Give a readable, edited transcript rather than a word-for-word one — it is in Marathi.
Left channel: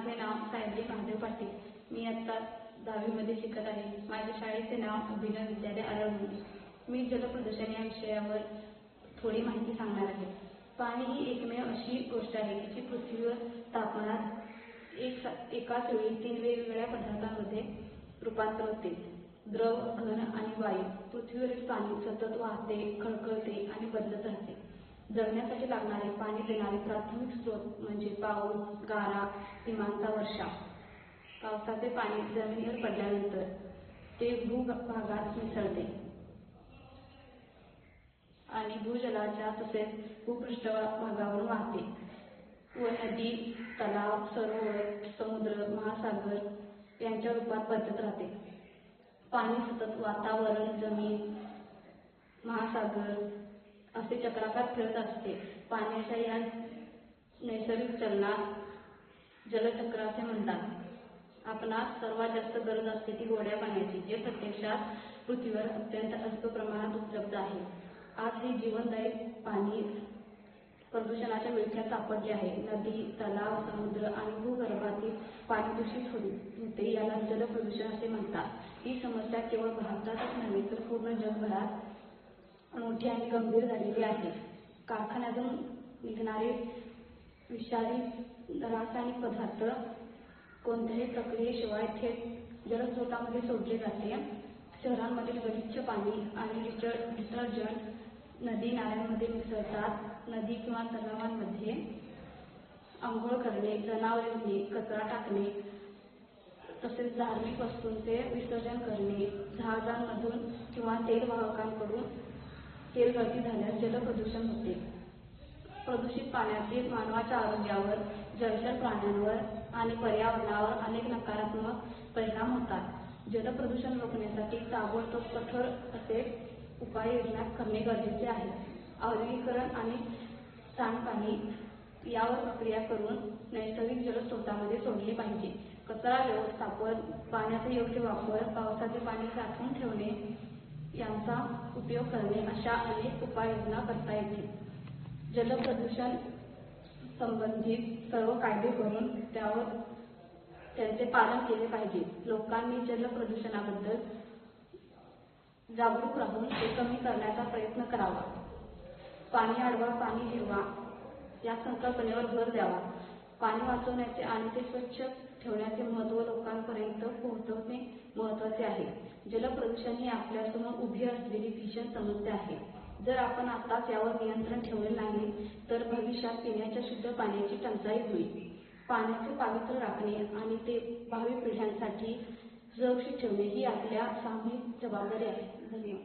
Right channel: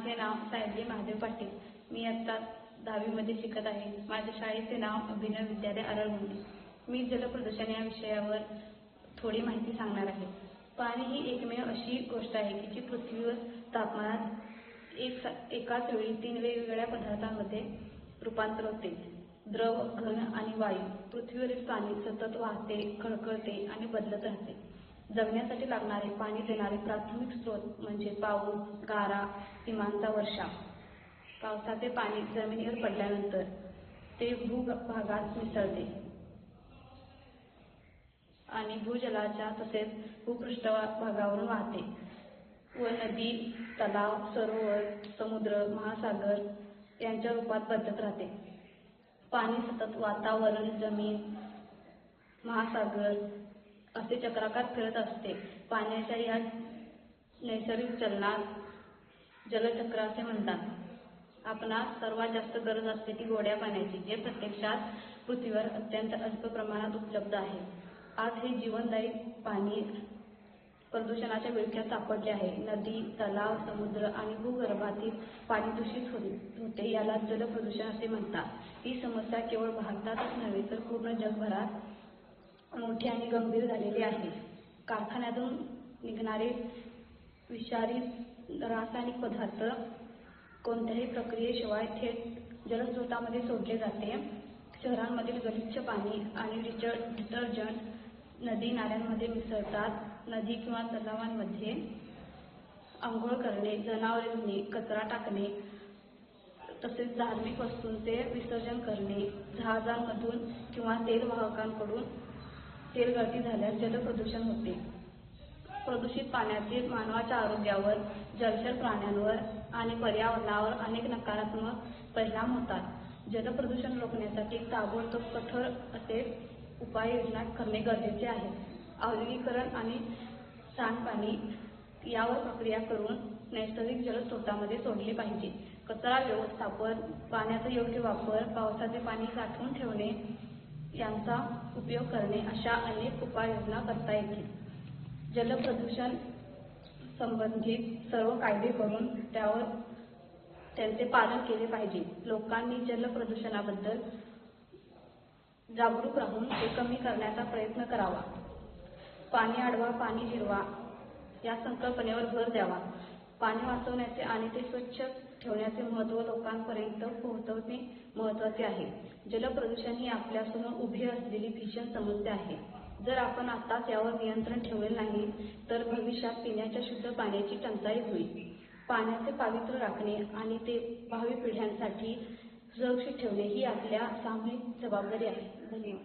माझे नाव सायली महादेव पाटील. मी आता 10वी मध्ये शिकत आहे. माझ्या शाळेचे नाव अभिनव विद्यालय आरळमुंडी. मी जलप्रदूषण या विषयावर थोडी माहिती सांगणार आहे. पाणी ही एकमेव अशी गोष्ट आहे जी पृथ्वीवर तापमानात एकाच वेळी 3 वेगवेगळ्या पदार्थांमध्ये रूपांतर होते. द्रव, घन आणि वायू. पृथ्वीवरील पाणी सतत वाहते, खळखळते आणि बदलत राहते. जगण्यासाठी लागणारे पाणी देणारे प्राथमिक स्रोत म्हणजे पाऊस, गारा, हिमांचा वर्षाव. पावसाचे पाणी जमिनीवर पडल्यानंतर ते भूभागात मिसळते आणि भूजलाच्या तसेच भूपृष्ठभागावरून वाहते व नदी, तलाव, सरोवर, समुद्र, महासागर यांच्या रूपात बदलत राहते. पाणी सतत वातावरण, जमीन, महासागर असे चक्राकार फिरत असते. पाण्याच्या या नैसर्गिक चलनात जलचक्र असे म्हणतात. आपणास सर्वात जास्त गरज असते ती गोड्या पाण्याची, जे प्रत्यक्षात पृथ्वीवर अत्यंत अल्प प्रमाणात उपलब्ध आहे. आज हे जीवनदायी पाणी प्रदूषणाच्या विळख्यात सापडले आहे. नदी, तलाव, समुद्र आणि भूगर्भातील पाणी दूषित होते. याला जलप्रदूषण असे म्हणतात. ही समस्या केवळ भारतातच नव्हे तर पूर्ण जगभरात मोठी आणि गंभीर झालेली आहे. कारखान्यातून निघणारे विषारी रासायनिक पदार्थ कोणत्याही प्रक्रियेशिवाय थेट जलस्रोतामध्ये सोडले जाते. शहरांमधील गलिच्छ पाणी आणि डिटर्जंट नदी नाल्यांमध्ये मिसळतात. नदी किंवा तलावांमध्ये आंघोळ करणे, जनावरे, कचरा टाकणे तसेच धार्मिक वस्तूंचे विसर्जन करणे, जहाजांमधून किंवा तेलवाहकांकडून तेलगळती झाल्यास जलप्रदूषण होते. प्रदूषित पाण्याचे मानवाच्या आरोग्यावर, जलचर प्राण्यांवर आणि पर्यावरणावर अनेक नकारात्मक परिणाम होतात. जलप्रदूषण रोखण्यासाठी ताबडतोब कठोर असे उपाययोजना करणे गरजेचे आहे. औद्योगिकीकरण आणि सांडपाणी यावर प्रक्रिया करून नैसर्गिक जलस्रोतांमध्ये सोडली पाहिजे. कचरा व्यवस्थापन, पाण्याचा योग्य वापर, पावसाचे पाणी साठवून ठेवणे यांचा उपयोग करणे अशा अनेक उपाययोजना करता येतील. जलप्रदूषण संबंधित सर्व कायदे करून त्यांचे पालन केले पाहिजे. लोकांनी जलप्रदूषणाबद्दल जागरूक राहून ते कमी करण्याचा प्रयत्न करावा. पाणी अडवा, पाणी जिरवा या संकल्पनेवर भर द्यावा. पाणी वाचवण्याचे आणि ते स्वच्छ ठेवण्याचे महत्त्व लोकांपर्यंत पोहोचवणे महत्त्वाचे आहे. जलप्रदूषण ही आपल्यासमोर उभी असलेली भीषण समस्या आहे. जर आपण आताच यावर नियंत्रण ठेवले नाही तर भविष्यात पिण्याच्या शुद्ध पाण्याची टंचाई होईल. पाण्याचे पावित्र्य राखणे आणि ते भावी पिढ्यांसाठी सुरक्षित ठेवणे ही आपल्या सामूहिक जबाबदारी आहे. धन्यवाद.